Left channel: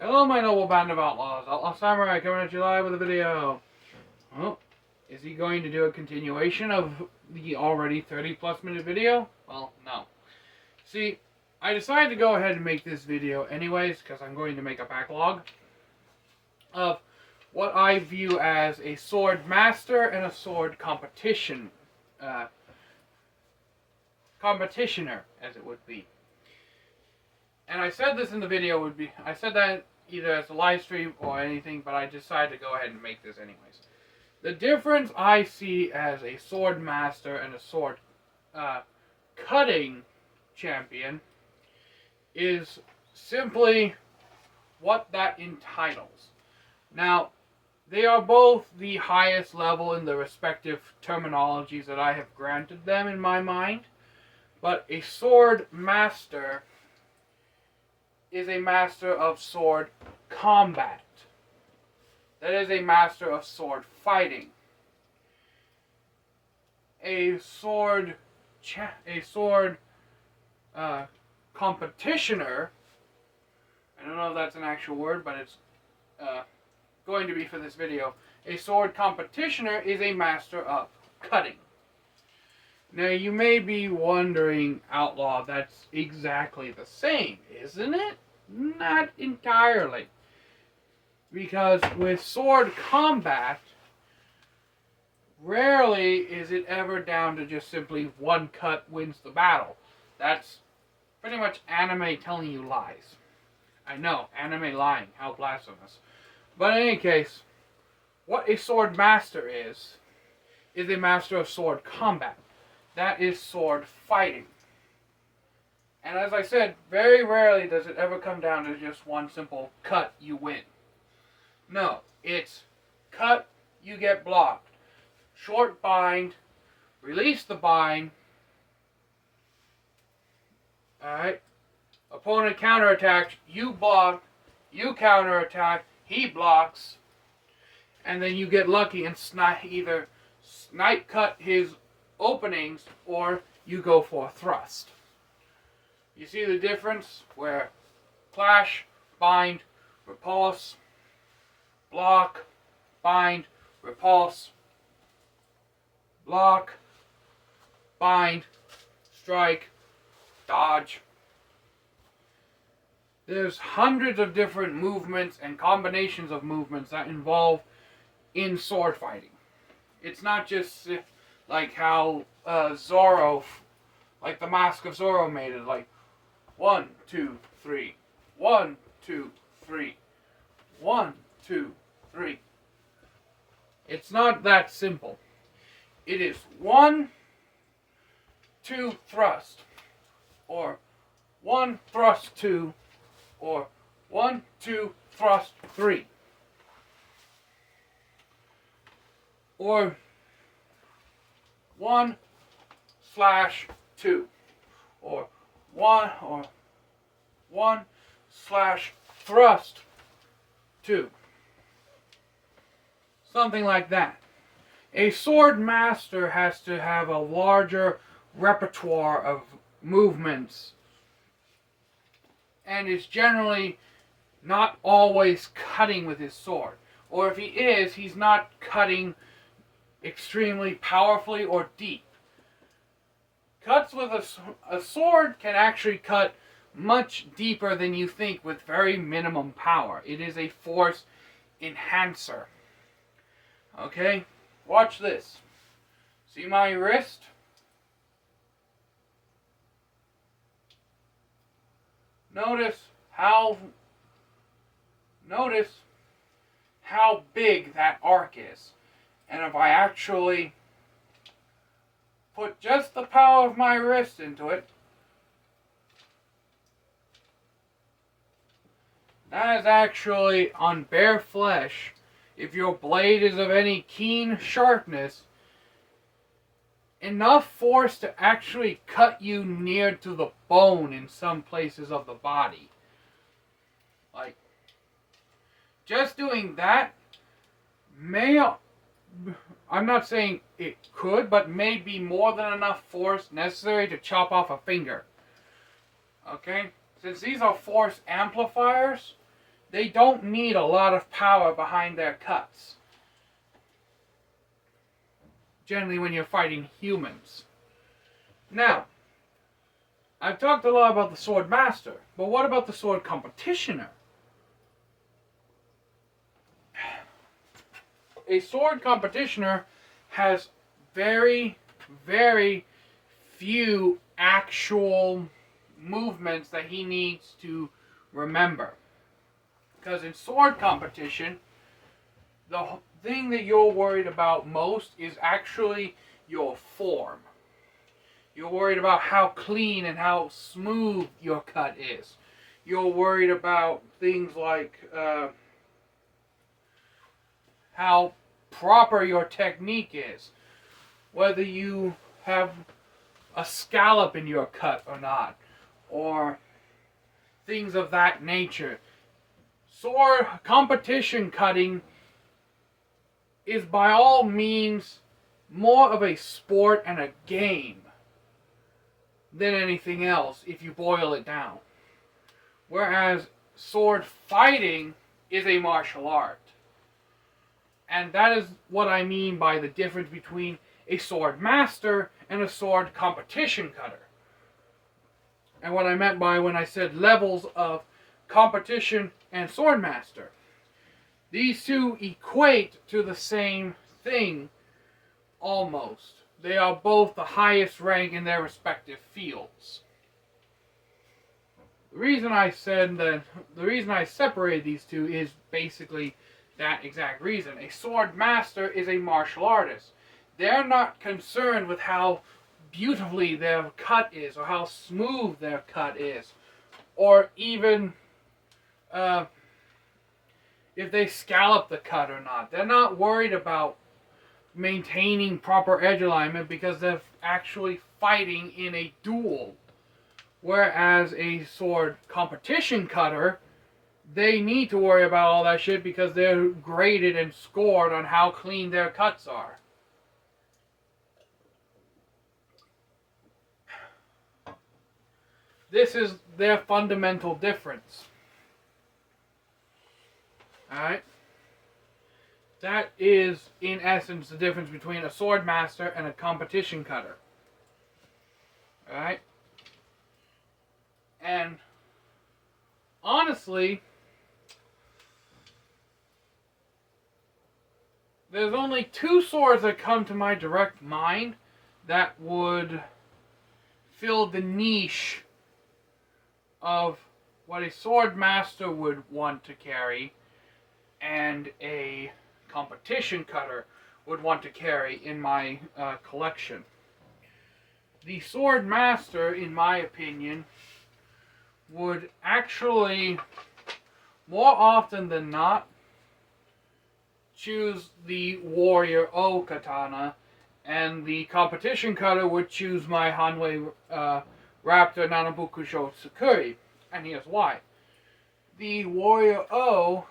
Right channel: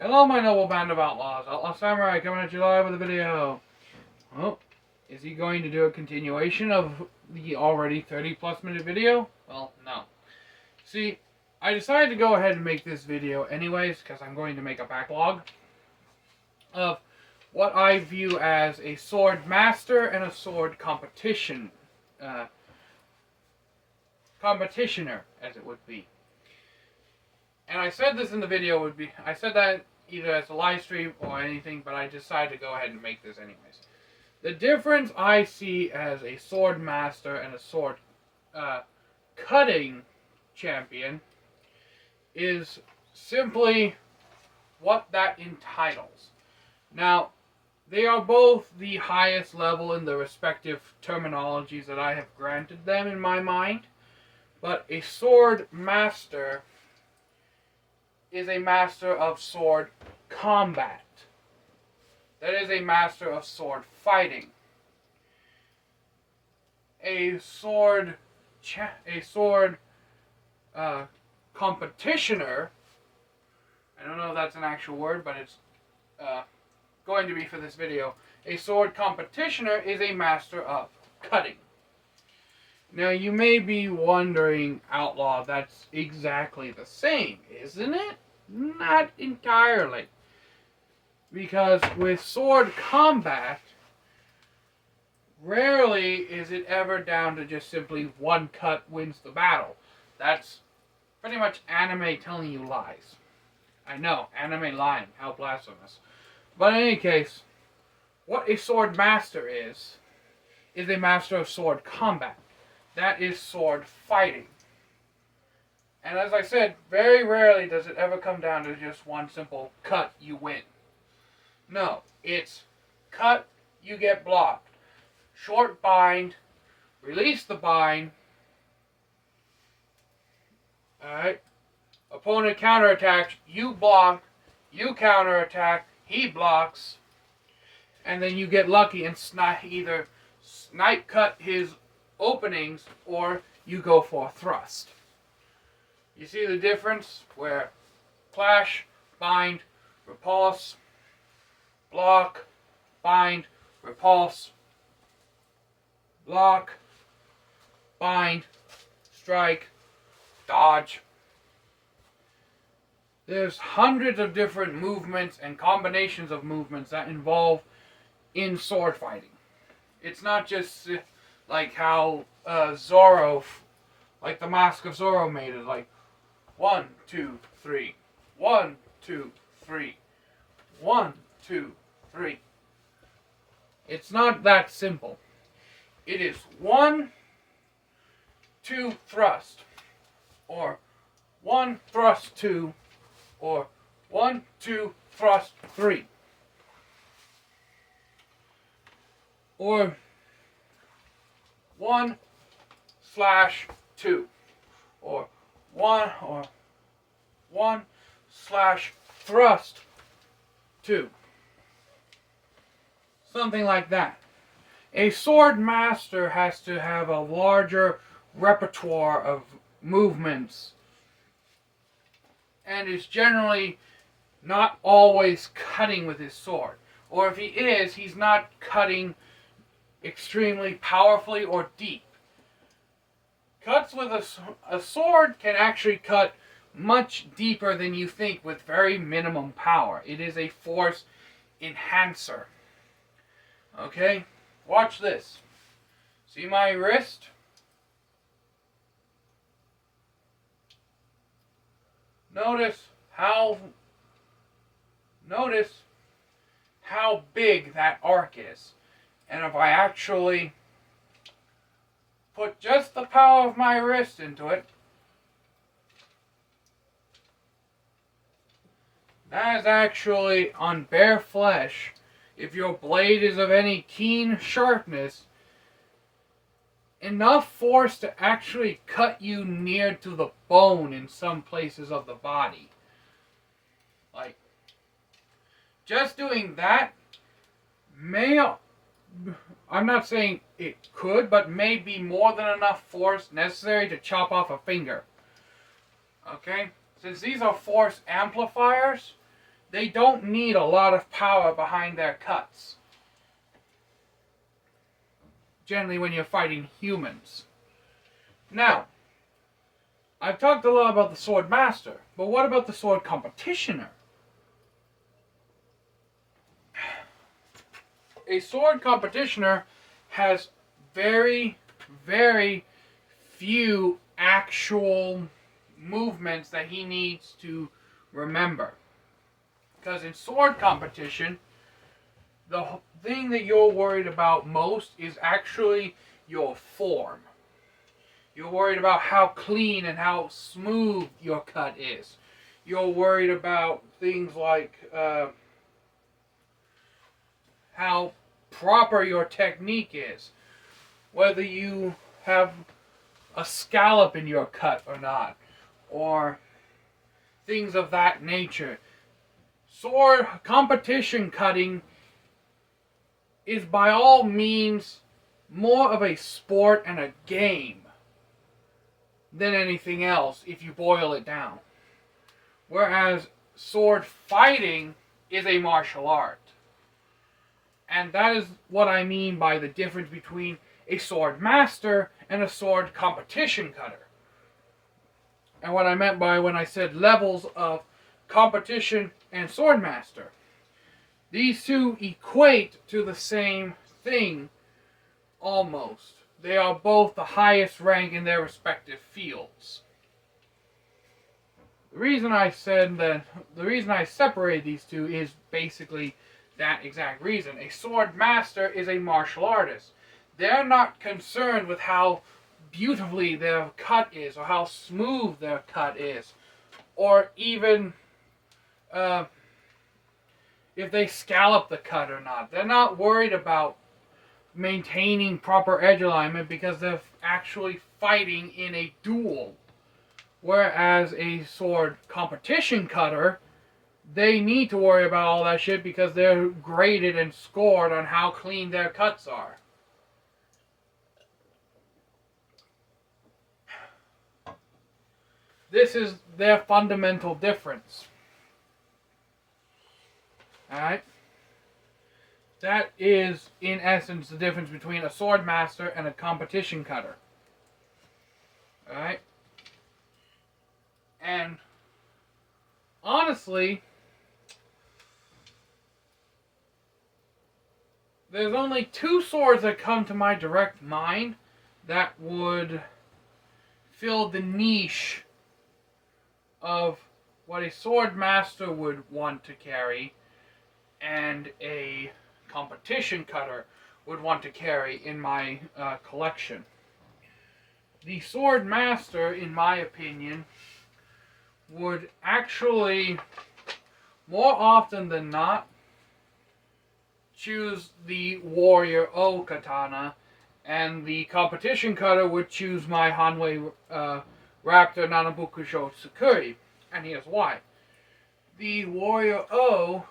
Hello, my noble band of outlaws. Outlaw Samurai coming at you live with a video. Well, is he going to do a continuation of the already 30+ minute video? Well, no. See, I decided to go ahead and make this video anyways because I'm going to make a backlog of what I view as a sword master and a sword competitioner, as it would be. And I said this in the video I said that either as a live stream or anything, but I decided to go ahead and make this anyways. The difference I see as a sword master and a sword cutting champion is simply what that entitles. Now, they are both the highest level in the respective terminologies that I have granted them in my mind, but a sword master is a master of sword combat. That is a master of sword fighting. A sword competitioner, I don't know if that's an actual word, but it's going to be for this video. A sword competitioner is a master of cutting. Now you may be wondering, Outlaw, that's exactly the same, isn't it? Not entirely. Because with sword combat, rarely is it ever down to just simply one cut wins the battle. That's pretty much anime telling you lies. I know, anime lying, how blasphemous. But in any case, what a sword master is a master of sword combat. That is sword fighting. And as I said, very rarely does it ever come down to just one simple cut, you win. No, it's cut, you get blocked. Short bind, release the bind. Alright. Opponent counterattacks, you block, you counterattack, he blocks. And then you get lucky and either snipe cut his openings or you go for a thrust. You see the difference where clash, bind, repulse, block, bind, repulse, block, bind, strike, dodge. There's hundreds of different movements and combinations of movements that involve in sword fighting. It's not just like how Zorro, like the Mask of Zorro made it, like 1, 2, 3, 1, 2, 3, 1, 2, 3. It's not that simple. It is 1, 2, thrust, or 1, thrust, 2, or 1, 2, thrust, 3. Or 1 slash 2. Or 1 slash thrust 2. Something like that. A sword master has to have a larger repertoire of movements and is generally not always cutting with his sword. Or if he is, he's not cutting extremely powerfully or deep. Cuts with a sword can actually cut much deeper than you think with very minimum power. It is a force enhancer. Okay? Watch this. See my wrist? Notice how big that arc is. And if I actually put just the power of my wrist into it, that is actually on bare flesh. If your blade is of any keen sharpness, enough force to actually cut you near to the bone in some places of the body. Like, just doing that I'm not saying it could, but may be more than enough force necessary to chop off a finger. Okay? Since these are force amplifiers, They don't need a lot of power behind their cuts. Generally when you're fighting humans. Now, I've talked a lot about the sword master, but what about the sword competitioner? A sword competitioner has very, very few actual movements that he needs to remember. Because in sword competition, the thing that you're worried about most is actually your form. You're worried about how clean and how smooth your cut is. You're worried about things like how proper your technique is. Whether you have a scallop in your cut or not. Or things of that nature. Sword competition cutting is by all means more of a sport and a game than anything else if you boil it down. Whereas sword fighting is a martial art. And that is what I mean by the difference between a sword master and a sword competition cutter. And what I meant by when I said levels of competition and sword master. These two equate to the same thing, almost. They are both the highest rank in their respective fields. The reason I separate these two is basically that exact reason. A sword master is a martial artist. They're not concerned with how beautifully their cut is, or how smooth their cut is, or even if they scallop the cut or not. They're not worried about maintaining proper edge alignment because they're actually fighting in a duel. Whereas a sword competition cutter, they need to worry about all that shit because they're graded and scored on how clean their cuts are. This is their fundamental difference. Alright? That is, in essence, the difference between a sword master and a competition cutter. Alright? And honestly, there's only two swords that come to my direct mind that would fill the niche of what a sword master would want to carry and a competition cutter would want to carry in my collection. The sword master, in my opinion, would actually, more often than not, choose the Warrior O katana, and the competition cutter would choose my Hanwei Raptor Nanabukusho Tsukuri, and here's why. The Warrior O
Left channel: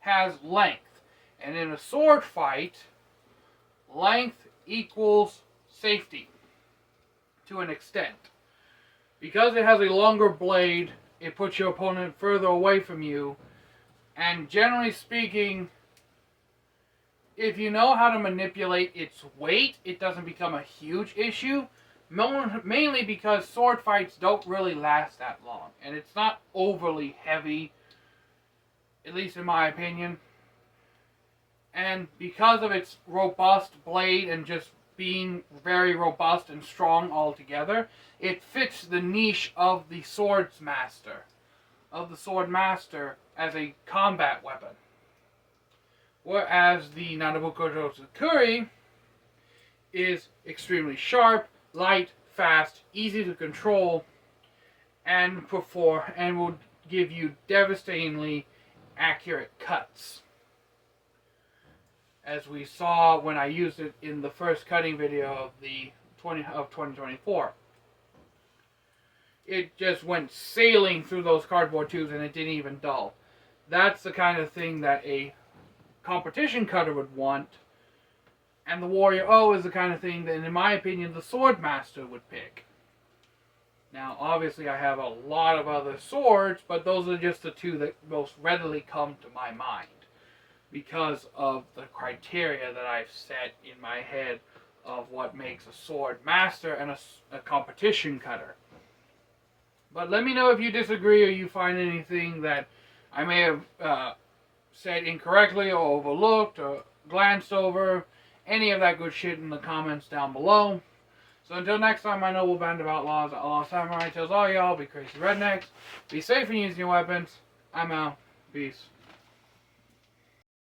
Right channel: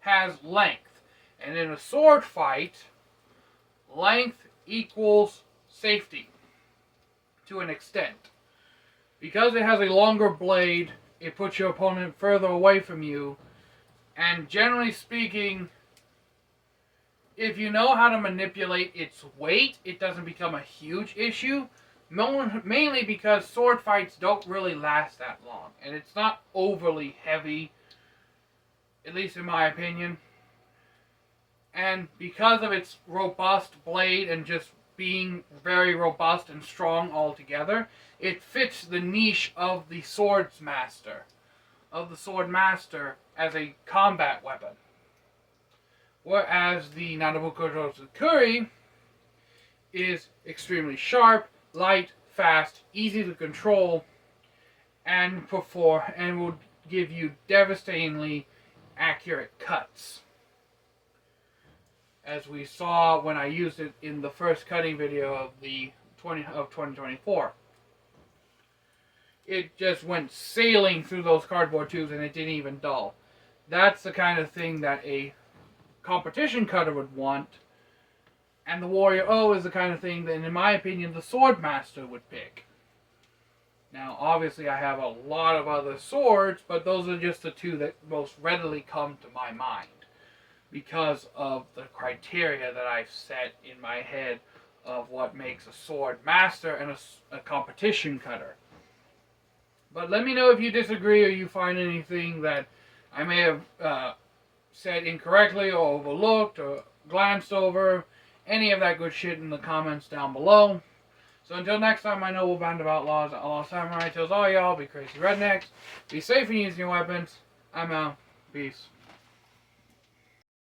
has length, and in a sword fight, length equals safety to an extent. Because it has a longer blade, it puts your opponent further away from you, and generally speaking, if you know how to manipulate its weight, it doesn't become a huge issue. Mainly because sword fights don't really last that long. And it's not overly heavy, at least in my opinion. And because of its robust blade and just being very robust and strong altogether, it fits the niche of the sword master as a combat weapon. Whereas the Nanabukusho Tsukuri is extremely sharp, light, fast, easy to control, and will give you devastatingly accurate cuts. As we saw when I used it in the first cutting video of 2024. It just went sailing through those cardboard tubes and it didn't even dull. That's the kind of thing that a competition cutter would want. And the Warrior O is the kind of thing that, in my opinion, the sword master would pick. Now, obviously, I have a lot of other swords, but those are just the two that most readily come to my mind because of the criteria that I've set in my head of what makes a sword master and a competition cutter. But let me know if you disagree or you find anything that I may have said incorrectly or overlooked or glanced over. Any of that good shit in the comments down below. So until next time, my noble band of outlaws, Outlaw Samurai tells all y'all, be crazy rednecks, be safe in using your weapons. I'm out. Peace.